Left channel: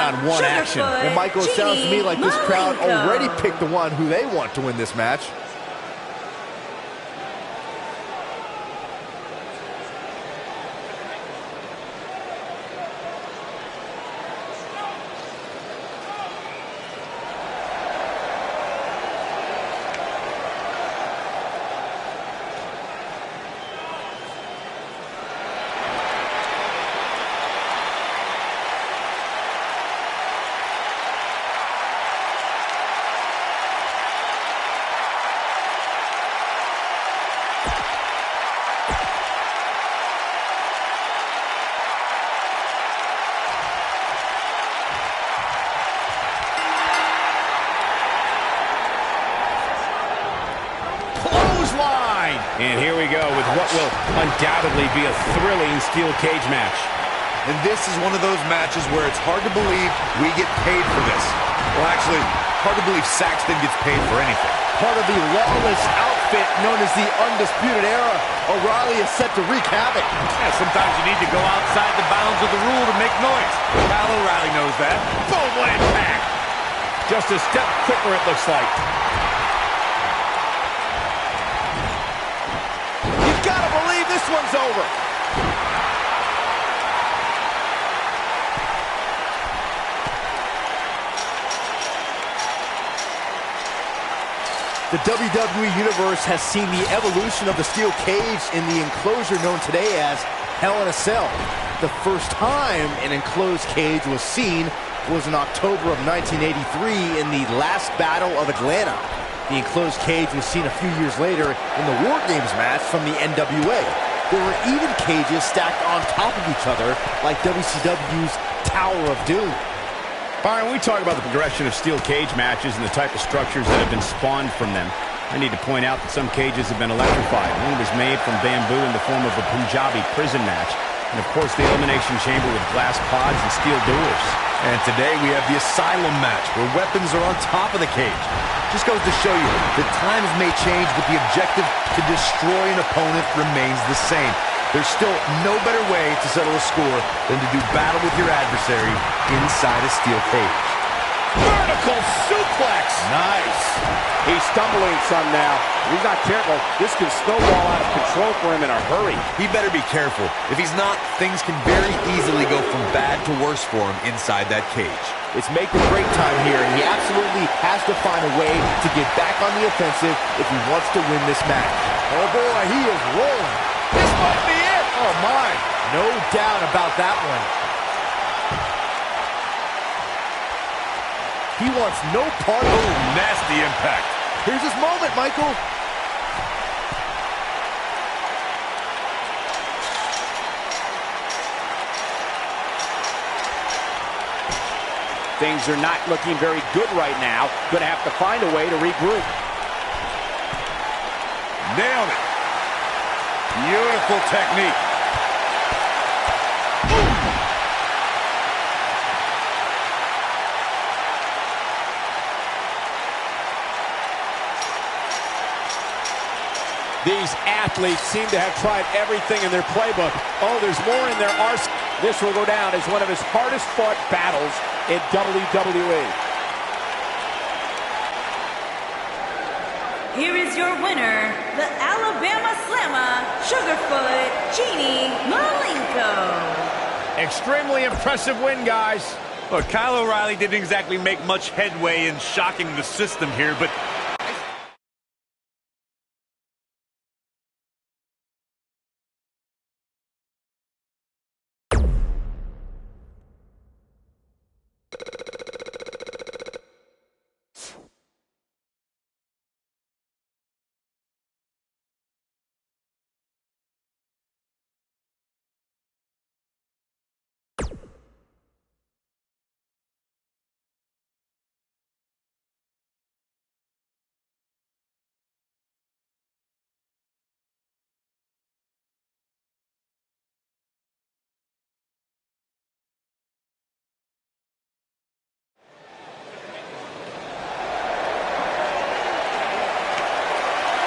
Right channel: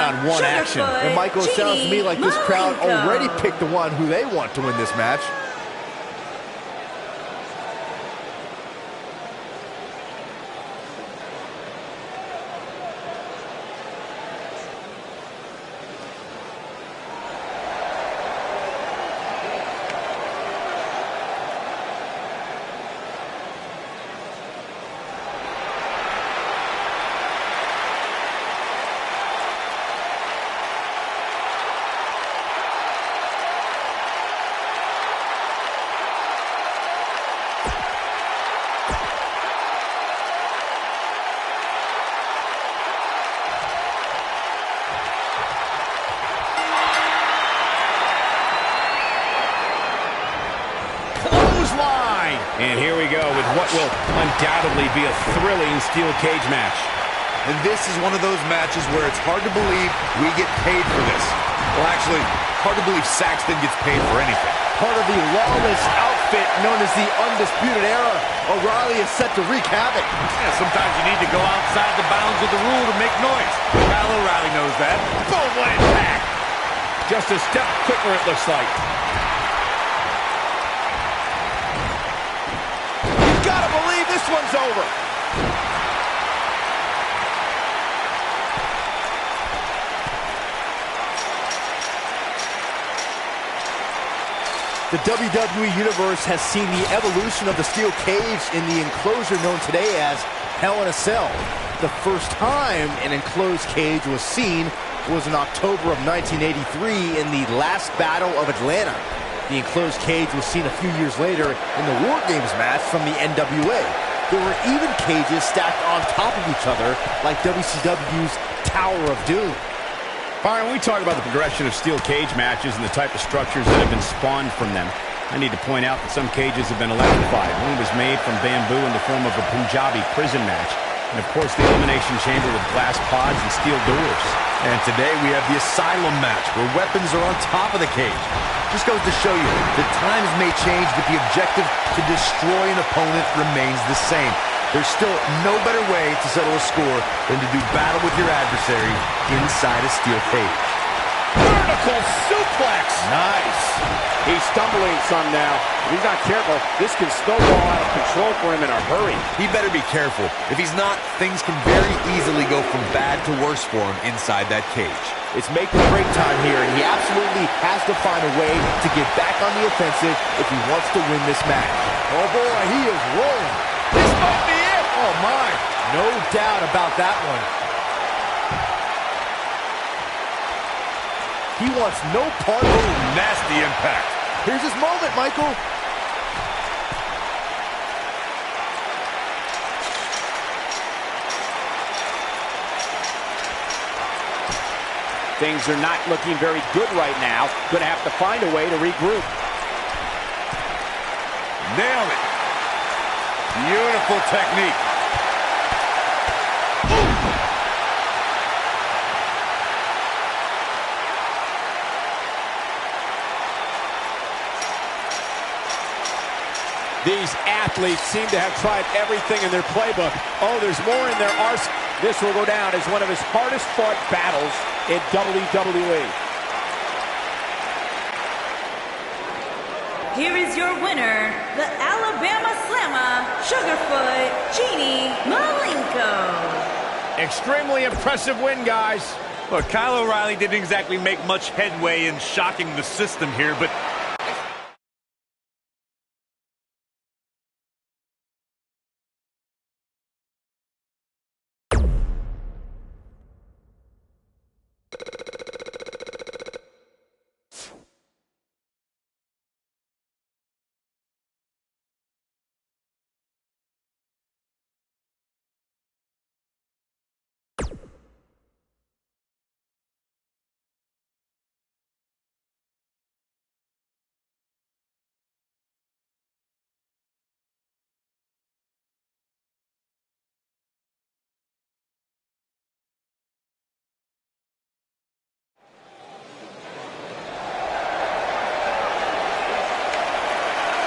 one-on-one action. And Michael, it sounds to me like this crowd already picked the one who they want to win this match. Line. And here we go with what will undoubtedly be a thrilling steel cage match. And this is one of those matches where it's hard to believe we get paid for this. Well, actually, hard to believe Saxton gets paid for anything. Part of the lawless outfit known as the Undisputed Era, O'Reilly is set to wreak havoc. Yeah, sometimes you need to go outside the bounds of the rule to make noise. Kyle O'Reilly knows that. Boom, what impact! Just a step quicker, it looks like. Gotta believe this one's over. The WWE Universe has seen the evolution of the steel cage in the enclosure known today as Hell in a Cell. The first time an enclosed cage was seen was in October of 1983 in the last Battle of Atlanta. The enclosed cage was seen a few years later in the War Games match from the NWA. There were even cages stacked on top of each other, like WCW's Tower of Doom. Byron, we talk about the progression of steel cage matches and the type of structures that have been spawned from them. I need to point out that some cages have been electrified. One was made from bamboo in the form of a Punjabi prison match. And, of course, the Elimination Chamber with glass pods and steel doors. And today we have the Asylum match, where weapons are on top of the cage. Just goes to show you, the times may change, but the objective to destroy an opponent remains the same. There's still no better way to settle a score than to do battle with your adversary inside a steel cage. Vertical suplex! Nice. He's stumbling some now. If he's not careful, this can snowball out of control for him in a hurry. He better be careful. If he's not, things can very easily go from bad to worse for him inside that cage. It's make or break time here, and he absolutely has to find a way to get back on the offensive if he wants to win this match. Oh boy, he is rolling. This might be it. Oh my, no doubt about that one. He wants no part of it. Nasty impact. Here's his moment, Michael. Things are not looking very good right now. Going to have to find a way to regroup. Nailed it. Beautiful technique. These athletes seem to have tried everything in their playbook. Oh, there's more in their arsenal. This will go down as one of his hardest fought battles in WWE. Here is your winner, the Alabama Slammer, Sugarfoot Genie Malenko. Extremely impressive win, guys. Look, Kyle O'Reilly didn't exactly make much headway in shocking the system here, but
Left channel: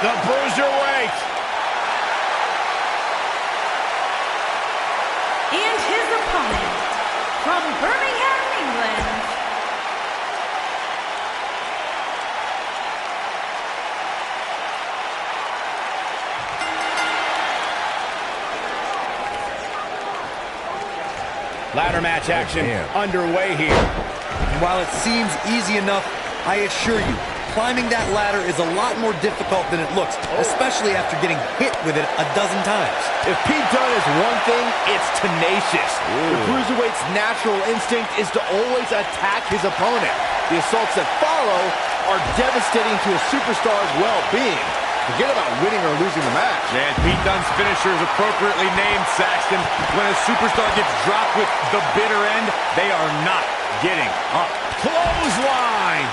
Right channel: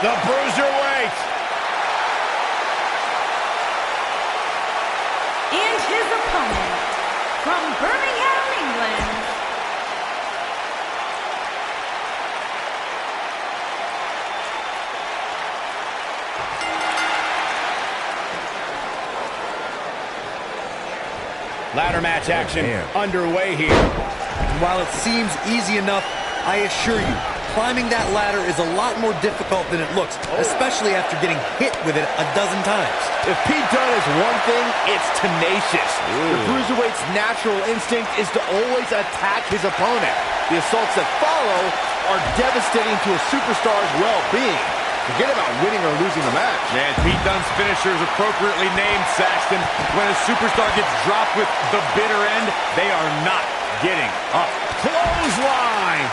The Bruiserweight. And his opponent, from Birmingham, England. Ladder match action underway here. And while it seems easy enough, I assure you, climbing that ladder is a lot more difficult than it looks, especially after getting hit with it a dozen times. If Pete Dunne is one thing, it's tenacious. The Cruiserweight's natural instinct is to always attack his opponent. The assaults that follow are devastating to a superstar's well-being. Forget about winning or losing the match. And Pete Dunne's finisher is appropriately named, Saxton. When a superstar gets dropped with the bitter end, they are not getting up. Clothesline.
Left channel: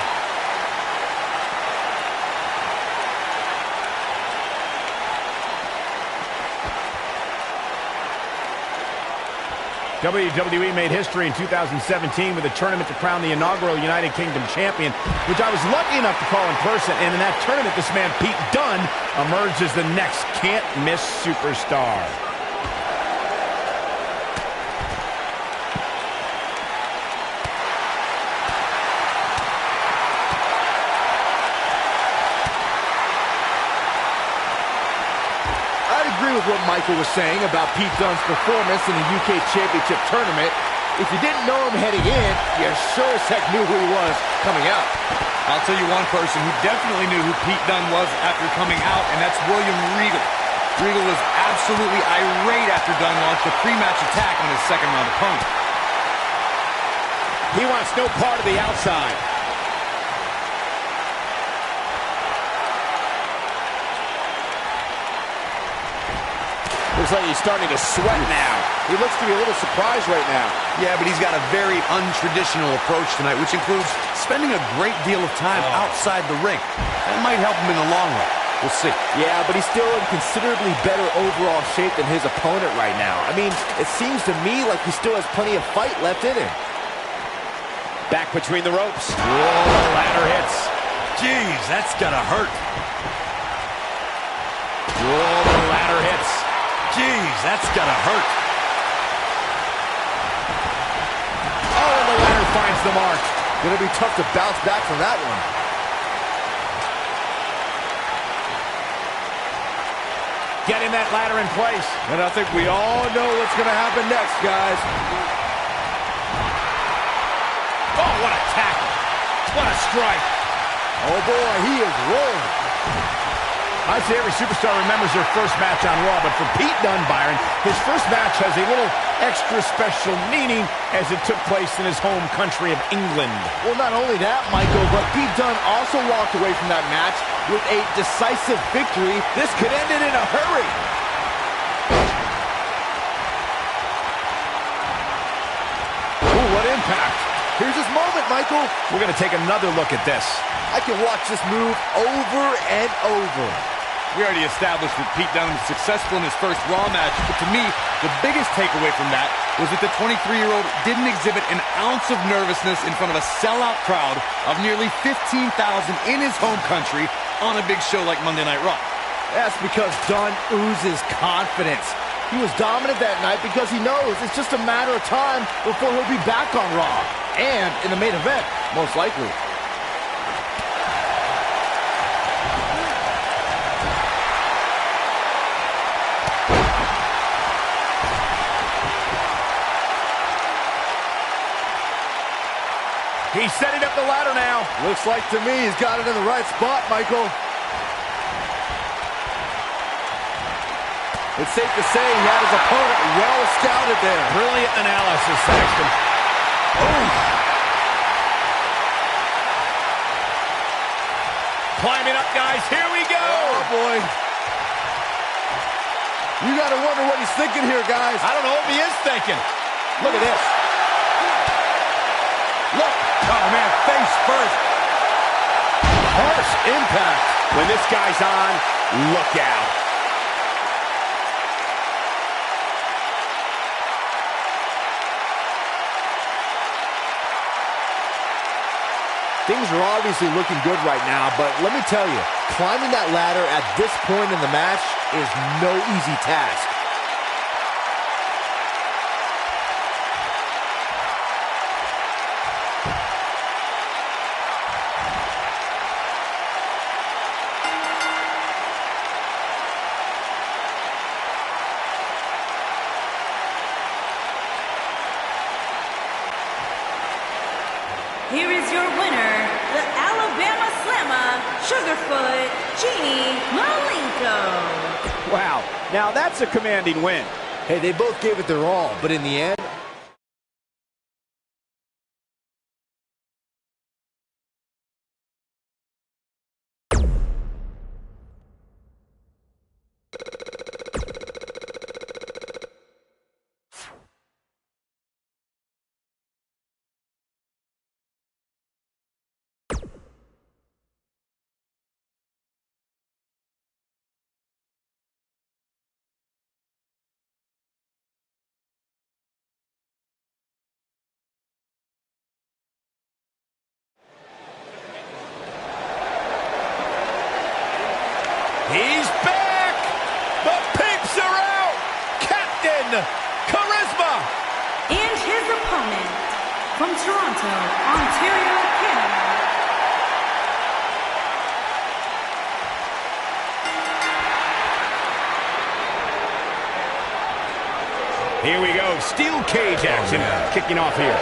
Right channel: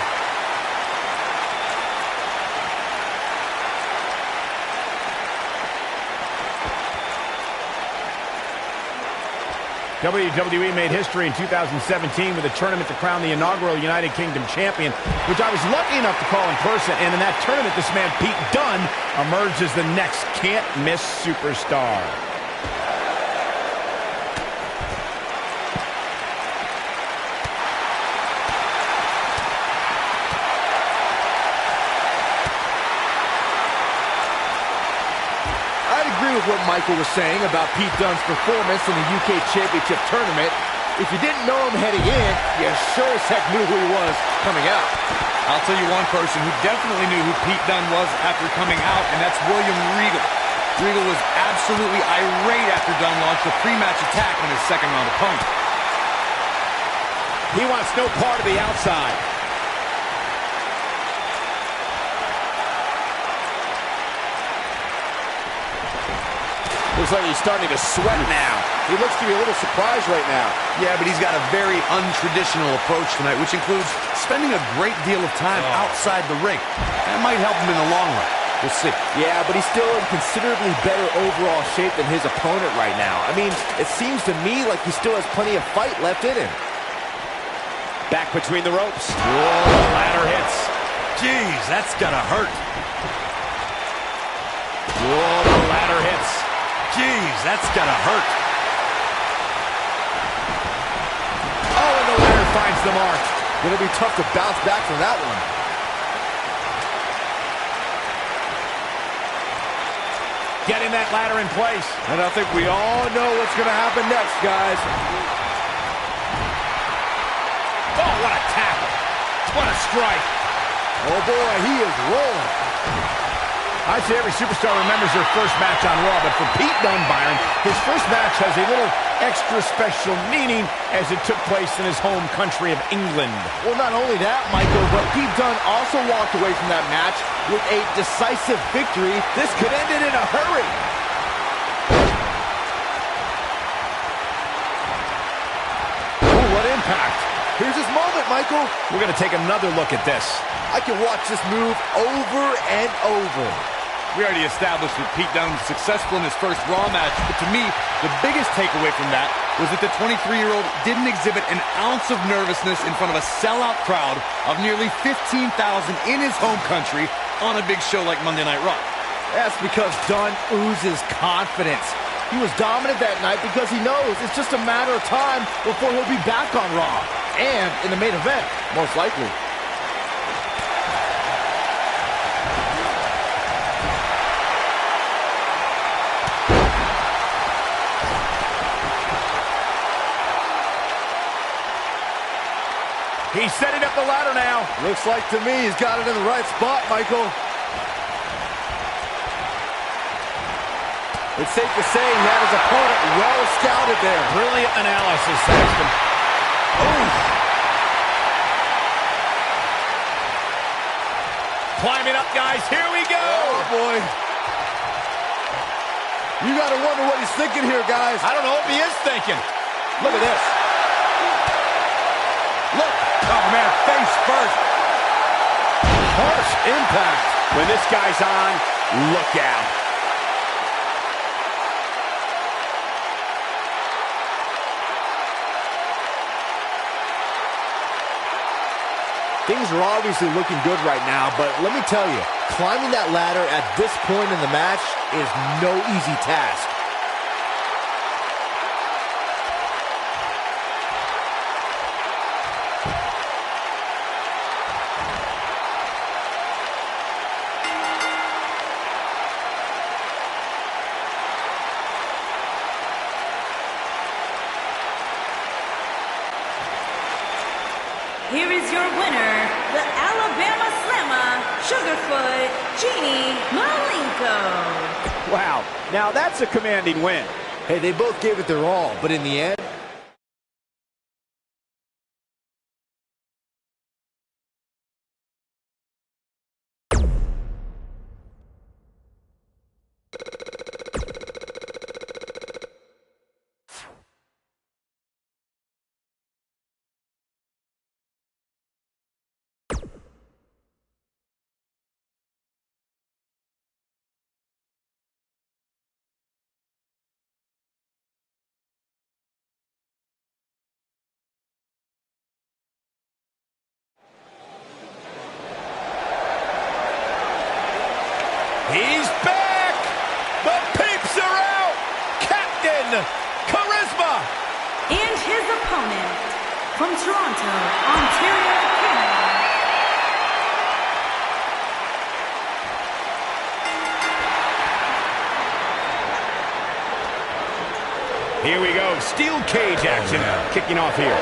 WWE made history in 2017 with a tournament to crown the inaugural United Kingdom champion, which I was lucky enough to call in person. And in that tournament, this man, Pete Dunne, emerged as the next can't-miss superstar. I'd agree with what Michael was saying about Pete Dunne's performance in the UK Championship Tournament. If you didn't know him heading in, you sure as heck knew who he was coming out. I'll tell you one person who definitely knew who Pete Dunne was after coming out, and that's William Regal. Regal was absolutely irate after Dunne launched a pre-match attack on his second-round opponent. He wants no part of the outside. Looks like he's starting to sweat now. He looks to be a little surprised right now. Yeah, but he's got a very untraditional approach tonight, which includes spending a great deal of time outside the ring. That might help him in the long run. We'll see. Yeah, but he's still in considerably better overall shape than his opponent right now. I mean, it seems to me like he still has plenty of fight left in him. Back between the ropes. Whoa, ladder hits. Jeez, that's gotta hurt. Whoa, the ladder hits. Jeez, that's gotta hurt. Oh, and the ladder finds the mark. Gonna be tough to bounce back from that one. Getting that ladder in place. And I think we all know what's gonna happen next, guys. Oh, what a tackle. What a strike. Oh boy, he is rolling. I'd say every superstar remembers their first match on Raw, but for Pete Dunne, Byron, his first match has a little extra special meaning as it took place in his home country of England. Well, not only that, Michael, but Pete Dunne also walked away from that match with a decisive victory. This could end it in a hurry. Ooh, what impact. Here's his moment, Michael. We're going to take another look at this. I can watch this move over and over. We already established that Pete Dunne was successful in his first Raw match, but to me, the biggest takeaway from that was that the 23-year-old didn't exhibit an ounce of nervousness in front of a sellout crowd of nearly 15,000 in his home country on a big show like Monday Night Raw. That's because Dunne oozes confidence. He was dominant that night because he knows it's just a matter of time before he'll be back on Raw. And in the main event, most likely. He's setting up the ladder now. Looks like to me he's got it in the right spot, Michael. It's safe to say he had his opponent well scouted there. Brilliant analysis, Saxton. Oof. Climbing up, guys. Here we go. Oh, boy. You got to wonder what he's thinking here, guys. I don't know if he is thinking. Look at this. Look. Oh, man, face first. Harsh impact. When this guy's on, look out. Things are obviously looking good right now, but let me tell you, climbing that ladder at this point in the match is no easy task. Here is your winner, the Alabama Slammer, Sugarfoot, Genie Malenko. Wow, now that's a commanding win. Hey, they both gave it their all, but in the end, He's back! The peeps are out! Captain Charisma! And his opponent, from Toronto, Ontario, Canada. Here we go. Steel cage action kicking off here.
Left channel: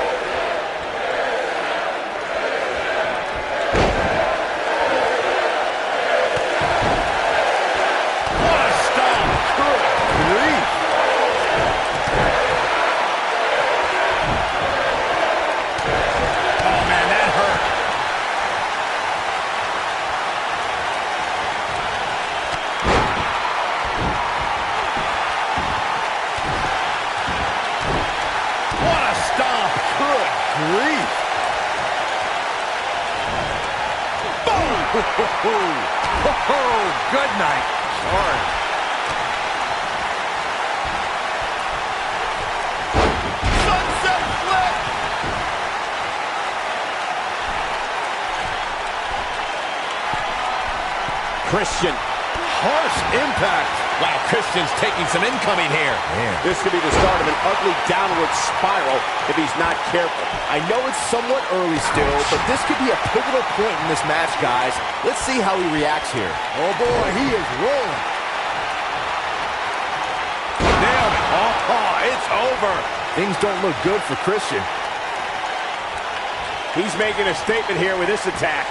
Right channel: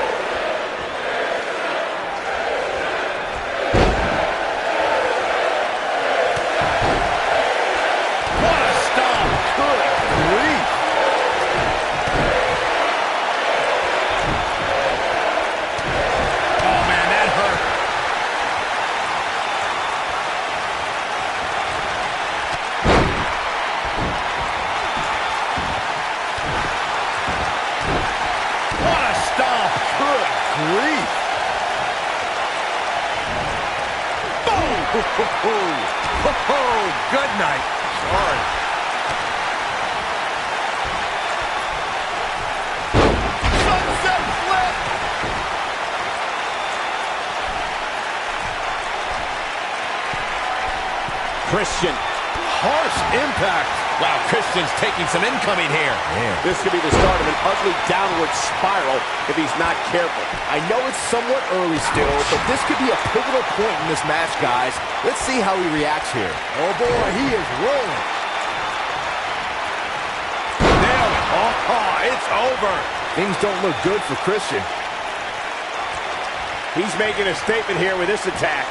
Grief. Boom! Good night. Sorry. Sunset flip. Christian. Harsh impact. Wow, Christian's taking some incoming here. Man. This could be the start of an ugly downward spiral if he's not careful. I know it's somewhat early still, but this could be a pivotal point in this match, guys. Let's see how he reacts here. Oh boy, he is rolling. Nailed it. Oh, it's over. Things don't look good for Christian. He's making a statement here with this attack.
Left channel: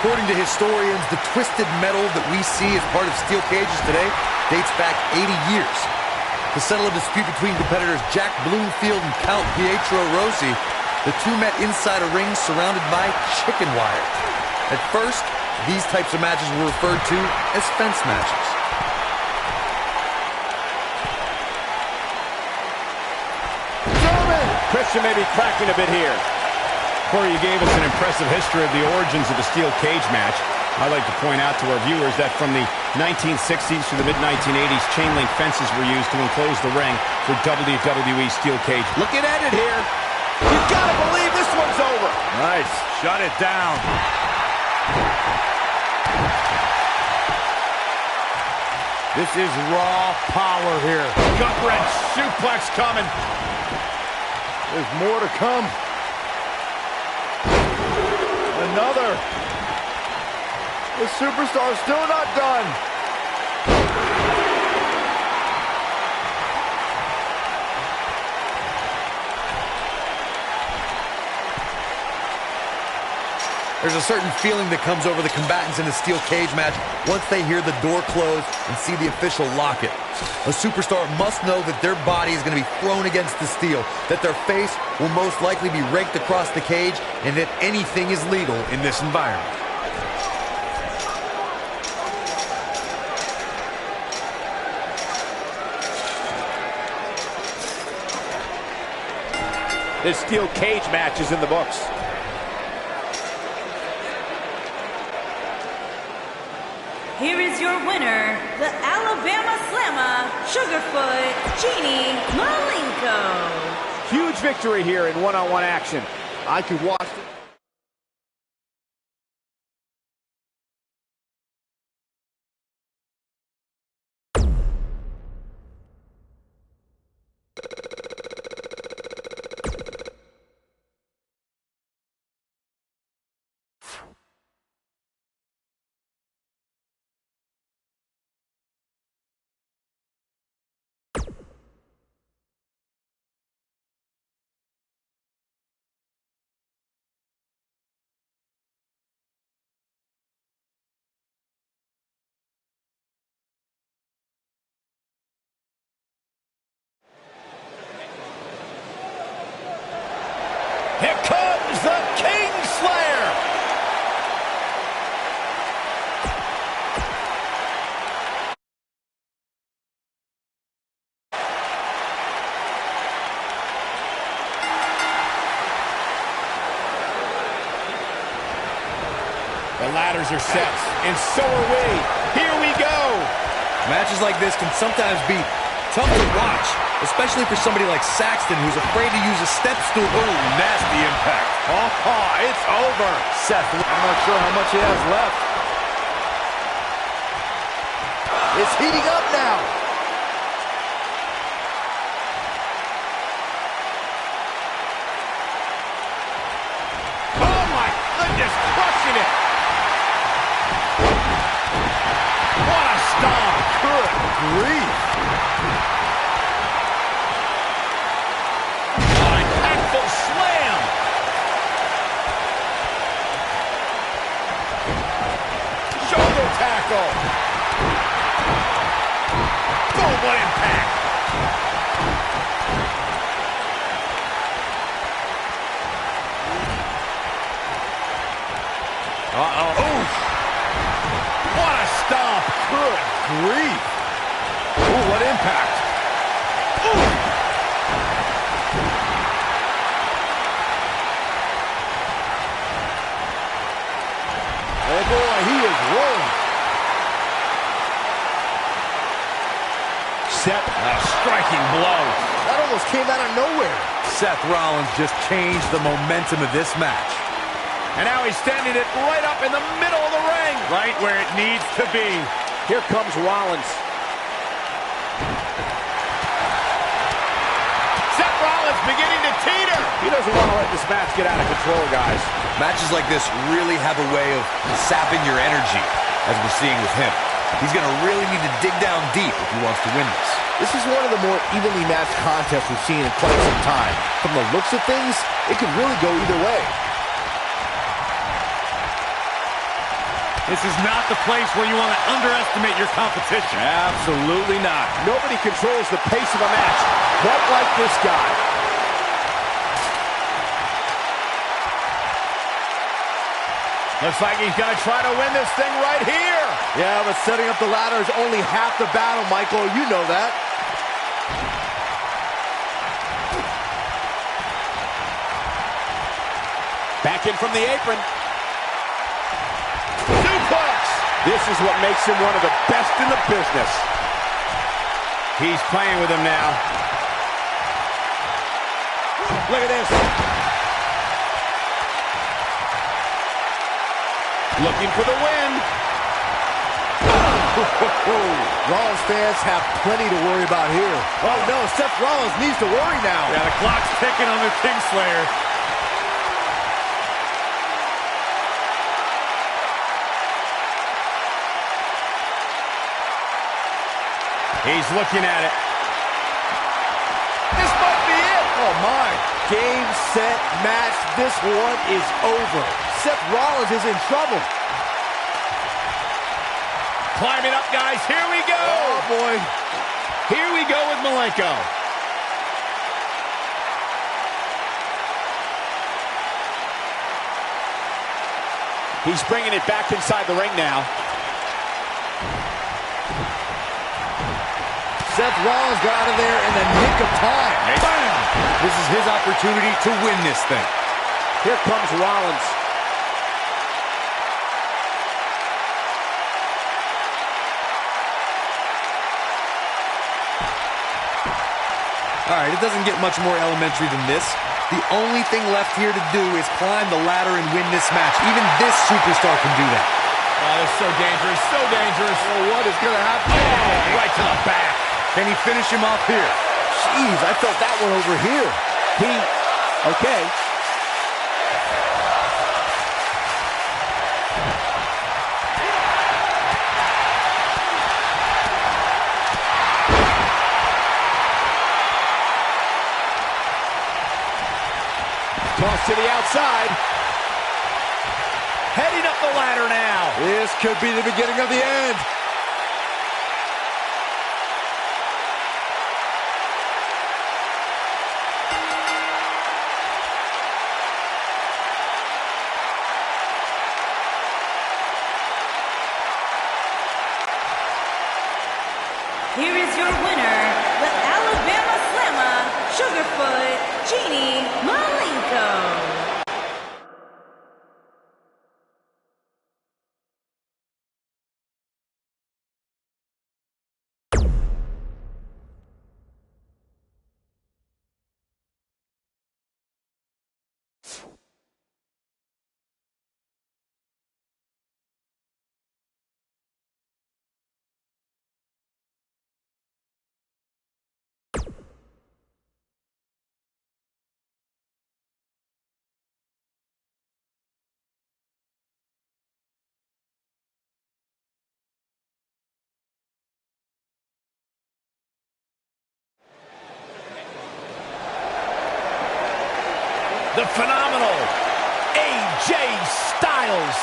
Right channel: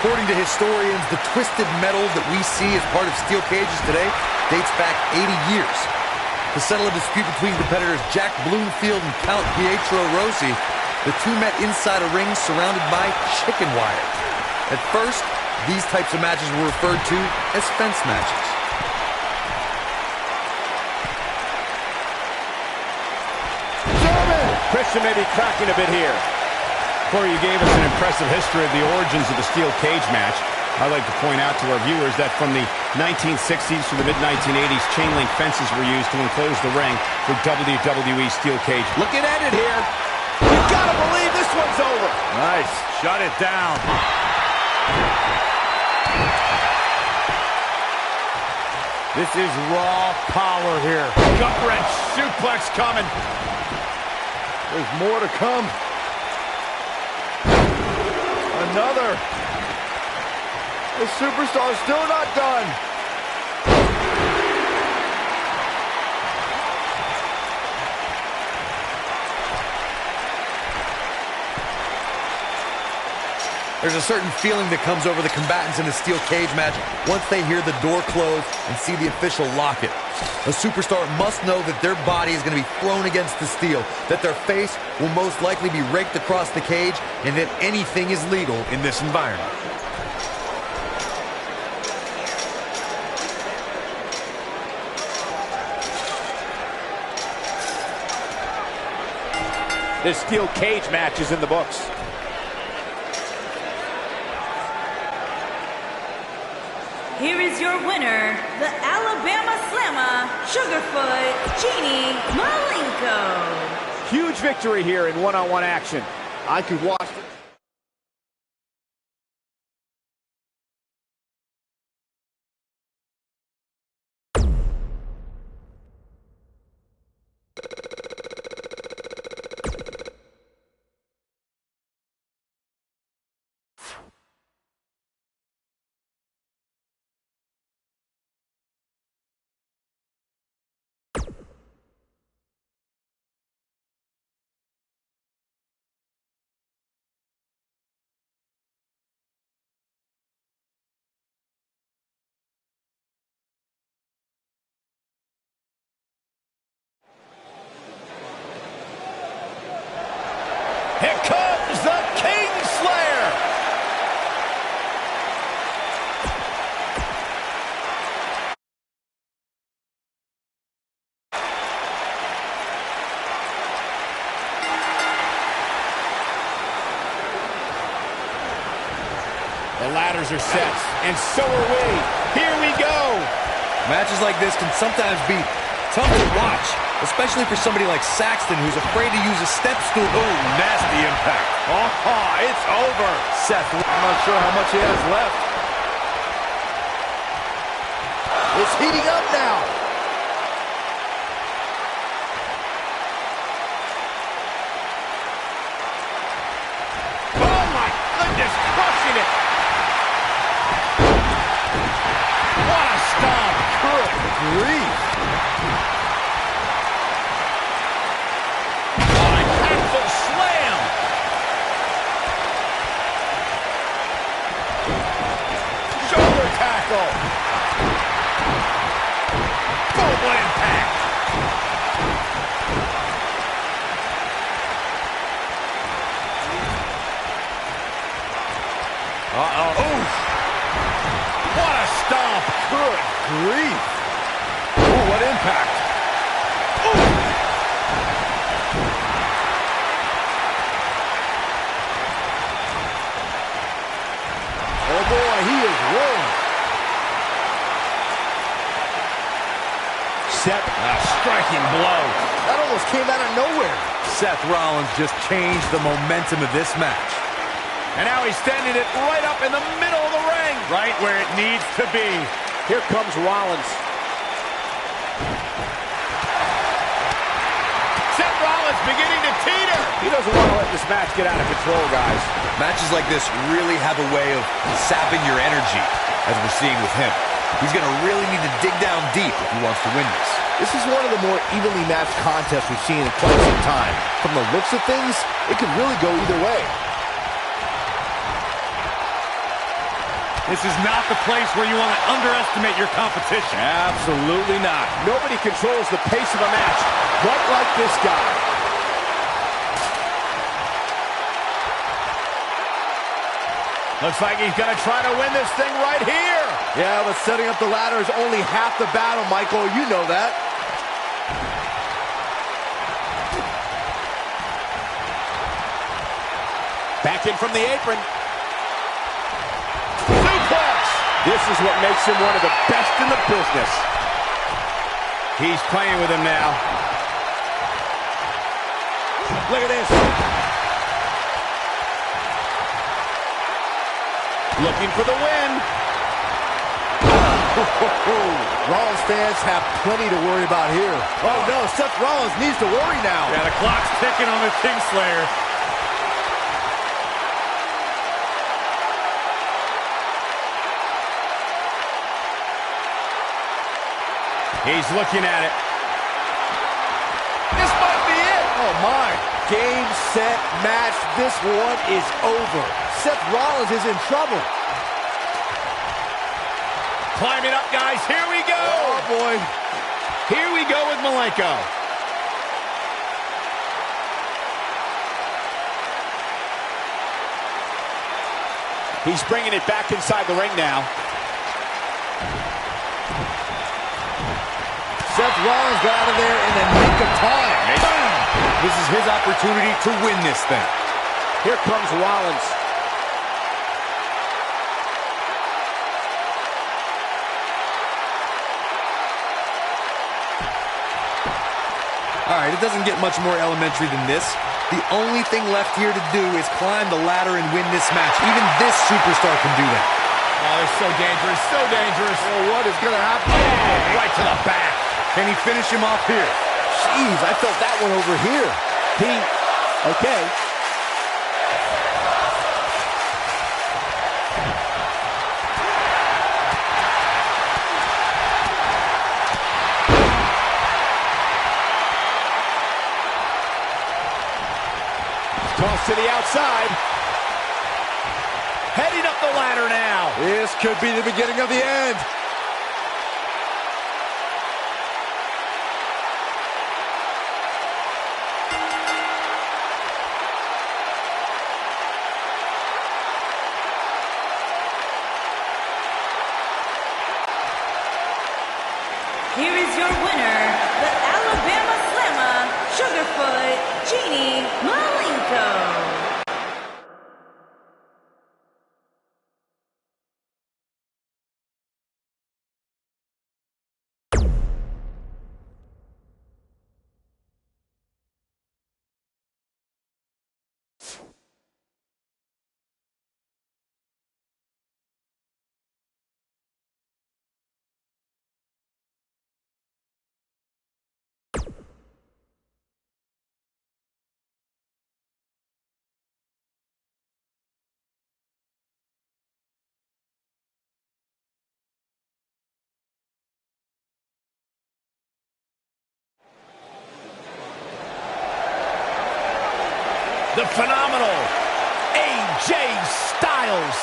According to historians, the twisted metal that we see as part of steel cages today dates back 80 years. To settle a dispute between competitors Jack Bloomfield and Count Pietro Rossi, the two met inside a ring surrounded by chicken wire. At first, these types of matches were referred to as fence matches. German! Christian may be cracking a bit here. Corey, you gave us an impressive history of the origins of the steel cage match. I'd like to point out to our viewers that from the 1960s to the mid-1980s, chain link fences were used to enclose the ring for WWE steel cage. Looking at it here. You gotta believe this one's over. Nice. Shut it down. This is raw power here. Gut wrench suplex coming. There's more to come. Another. The superstar's still not done. There's a certain feeling that comes over the combatants in a steel cage match once they hear the door close and see the official lock it. A superstar must know that their body is going to be thrown against the steel, that their face will most likely be raked across the cage, and that anything is legal in this environment. This steel cage match is in the books. Here is your winner, the Alabama Slammer, Sugarfoot, Genie Malenko. Huge victory here in one-on-one action. I could watch it. Here comes the Kingslayer. The ladders are set, and so are we. Here we go. Matches like this can sometimes be tough to watch, especially for somebody like Saxton, who's afraid to use a step stool. Oh, nasty impact. Oh, it's over. Seth, I'm not sure how much he has left. It's heating up now. Oh, my goodness, crushing it. What a stomp. Good grief. Impactful slam. Shoulder tackle. Boom, what impact. Uh-oh. Oof. What a stomp. Good grief. Ooh, what impact. Ooh. Oh, boy, he is rolling. Seth, a striking blow. That almost came out of nowhere. Seth Rollins just changed the momentum of this match. And now he's standing it right up in the middle of the ring. Right where it needs to be. Here comes Rollins. Seth Rollins beginning to teeter. He doesn't want to let this match get out of control, guys. Matches like this really have a way of sapping your energy, as we're seeing with him. He's going to really need to dig down deep if he wants to win this. This is one of the more evenly matched contests we've seen in quite some time. From the looks of things, it could really go either way. This is not the place where you want to underestimate your competition. Absolutely not. Nobody controls the pace of a match quite like this guy. Looks like he's going to try to win this thing right here. Yeah, but setting up the ladder is only half the battle, Michael. You know that. Back in from the apron. Suplex! This is what makes him one of the best in the business. He's playing with him now. Look at this. Looking for the win. Rollins fans have plenty to worry about here. Oh, no, Seth Rollins needs to worry now. Yeah, the clock's ticking on the Kingslayer. He's looking at it. This might be it. Oh, my. Game, set, match. This one is over. Seth Rollins is in trouble. Climbing up, guys. Here we go. Oh, boy. Here we go with Malenko. He's bringing it back inside the ring now. Seth Rollins got out of there in the nick of time. Bam! This is his opportunity to win this thing. Here comes Rollins. All right, it doesn't get much more elementary than this. The only thing left here to do is climb the ladder and win this match. Even this superstar can do that. Oh, they're so dangerous, so dangerous. Oh, what is going to happen? Oh, right to the back. Can he finish him off here? Jeez, I felt that one over here. Okay. Toss to the outside. Heading up the ladder now. This could be the beginning of the end. here is your winner, the Alabama Slammer, Sugarfoot, Jeannie Malenko. The phenomenal AJ Styles.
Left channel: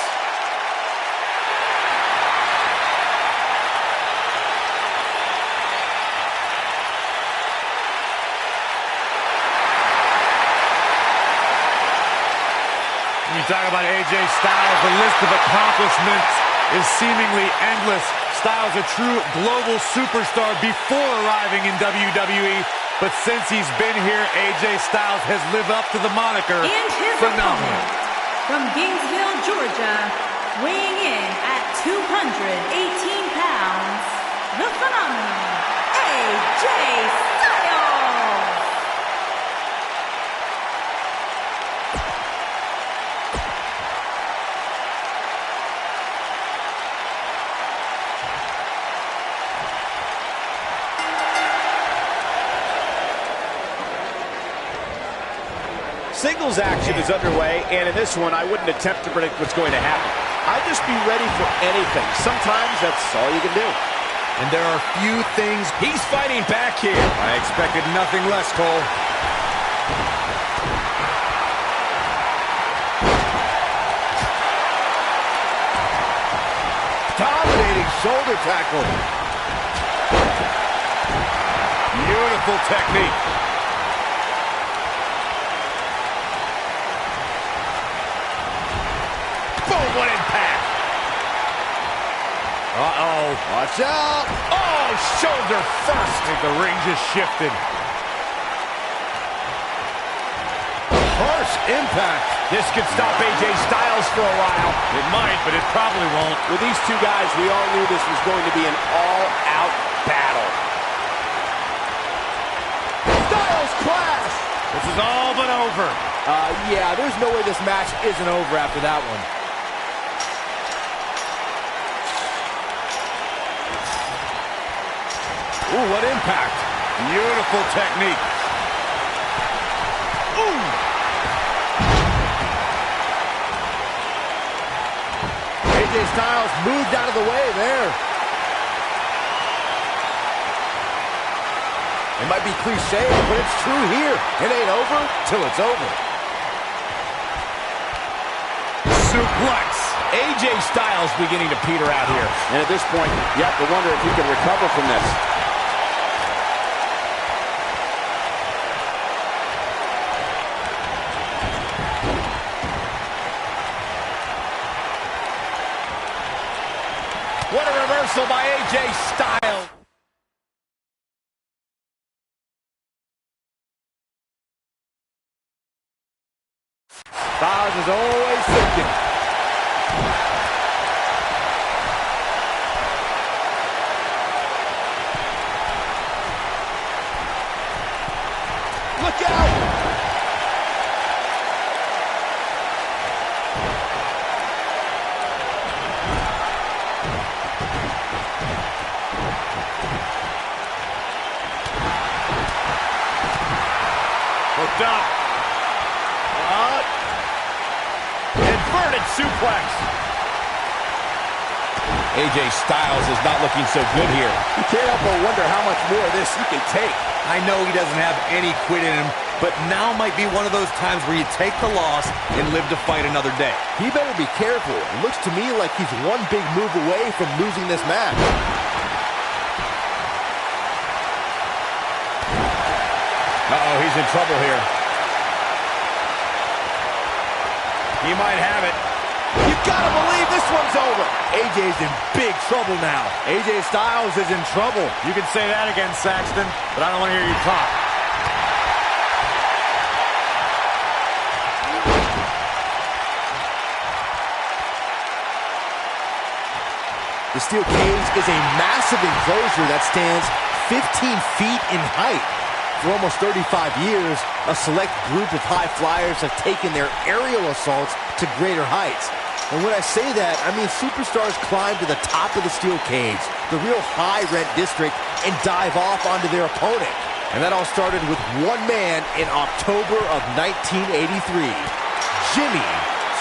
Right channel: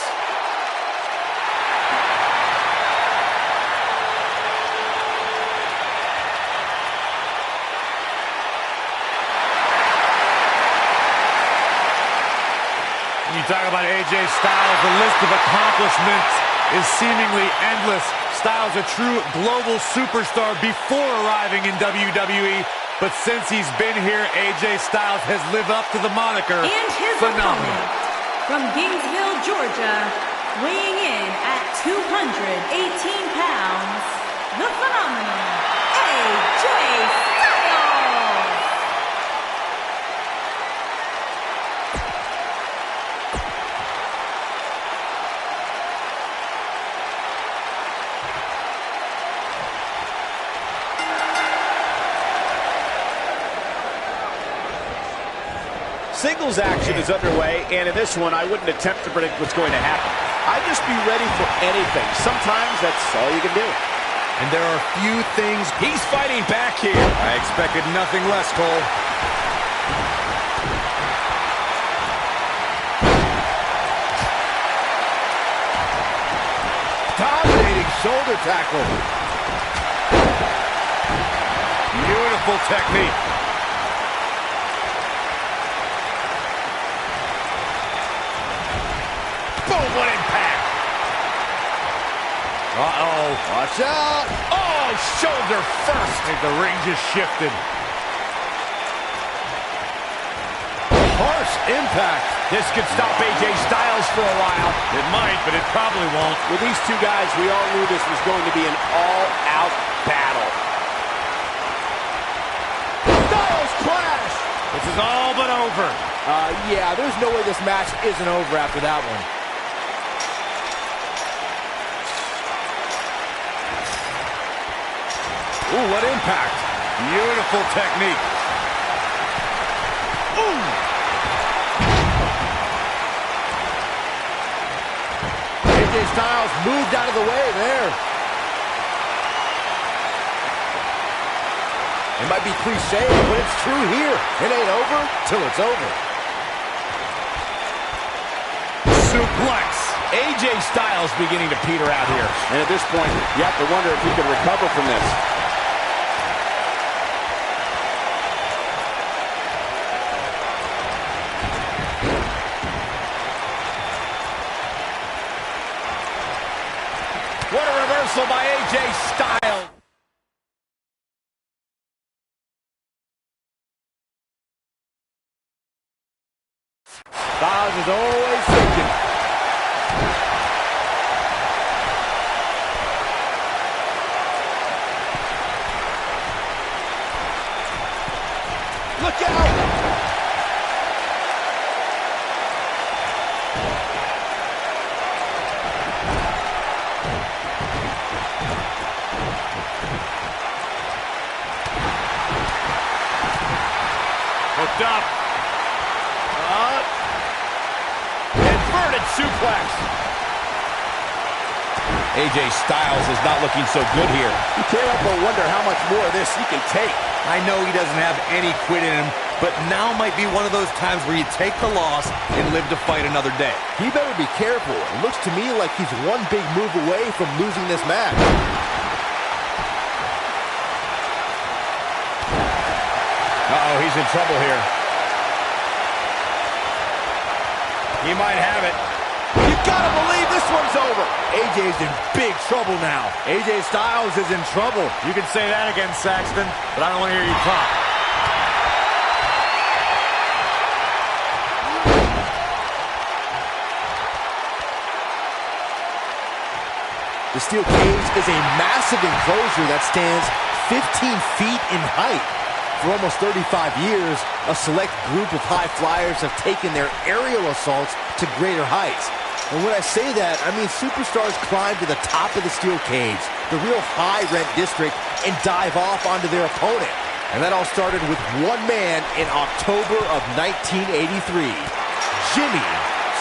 When you talk about AJ Styles, the list of accomplishments is seemingly endless. Styles, a true global superstar before arriving in WWE. But since he's been here, AJ Styles has lived up to the moniker. And his phenomenal. opponent, from Gainesville, Georgia, weighing in at 218 pounds, the phenomenal AJ Styles. Singles action is underway, and in this one, I wouldn't attempt to predict what's going to happen. I'd just be ready for anything. Sometimes that's all you can do. And there are few things. He's fighting back here. I expected nothing less, Cole. Dominating shoulder tackle. Beautiful technique. Boom, what impact. Uh-oh. Watch out. Oh, shoulder first. I think the ring just shifted. Harsh impact. This could stop AJ Styles for a while. It might, but it probably won't. With these two guys, we all knew this was going to be an all-out battle. Styles clash. This is all but over. Yeah, there's no way this match isn't over after that one. Ooh, what impact. Beautiful technique. Ooh. AJ Styles moved out of the way there. It might be cliche, but it's true here. It ain't over till it's over. Suplex. AJ Styles beginning to peter out here. And at this point, you have to wonder if he can recover from this. What a reversal by AJ Styles. Styles is always thinking. Look out! Hooked up. Inverted suplex. AJ Styles is not looking so good here. You can't help but wonder how much more of this he can take. I know he doesn't have any quit in him, but now might be one of those times where you take the loss and live to fight another day. He better be careful. It looks to me like he's one big move away from losing this match. Uh-oh, he's in trouble here. He might have it. You gotta believe this one's over. AJ's in big trouble now. AJ Styles is in trouble. You can say that again, Saxton, but I don't want to hear you talk. The steel cage is a massive enclosure that stands 15 feet in height. For almost 35 years, a select group of high flyers have taken their aerial assaults to greater heights. And when I say that, I mean superstars climb to the top of the steel cage, the real high-rent district, and dive off onto their opponent. And that all started with one man in October of 1983, Jimmy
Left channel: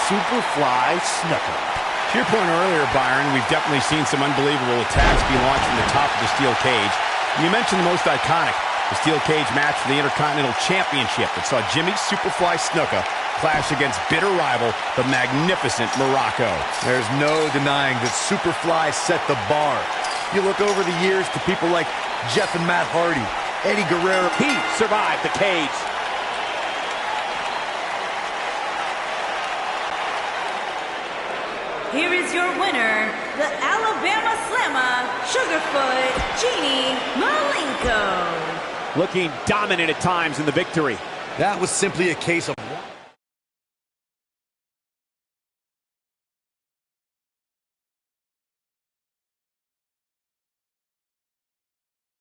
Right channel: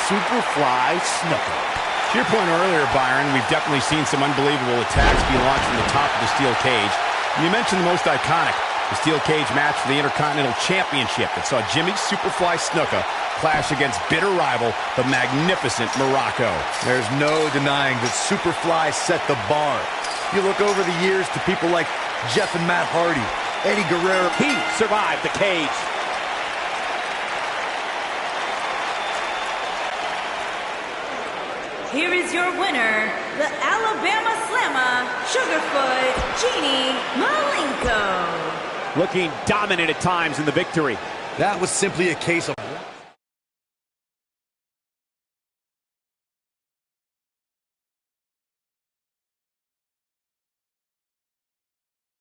Superfly Snuka. To your point earlier, Byron, we've definitely seen some unbelievable attacks be launched from the top of the steel cage. And you mentioned the most iconic, the steel cage match for the Intercontinental Championship that saw Jimmy Superfly Snuka clash against bitter rival, the magnificent Morocco. There's no denying that Superfly set the bar. You look over the years to people like Jeff and Matt Hardy, Eddie Guerrero. He survived the cage. Here is your winner, the Alabama Slammer, Sugarfoot, Genie Malenko. Looking dominant at times in the victory. That was simply a case of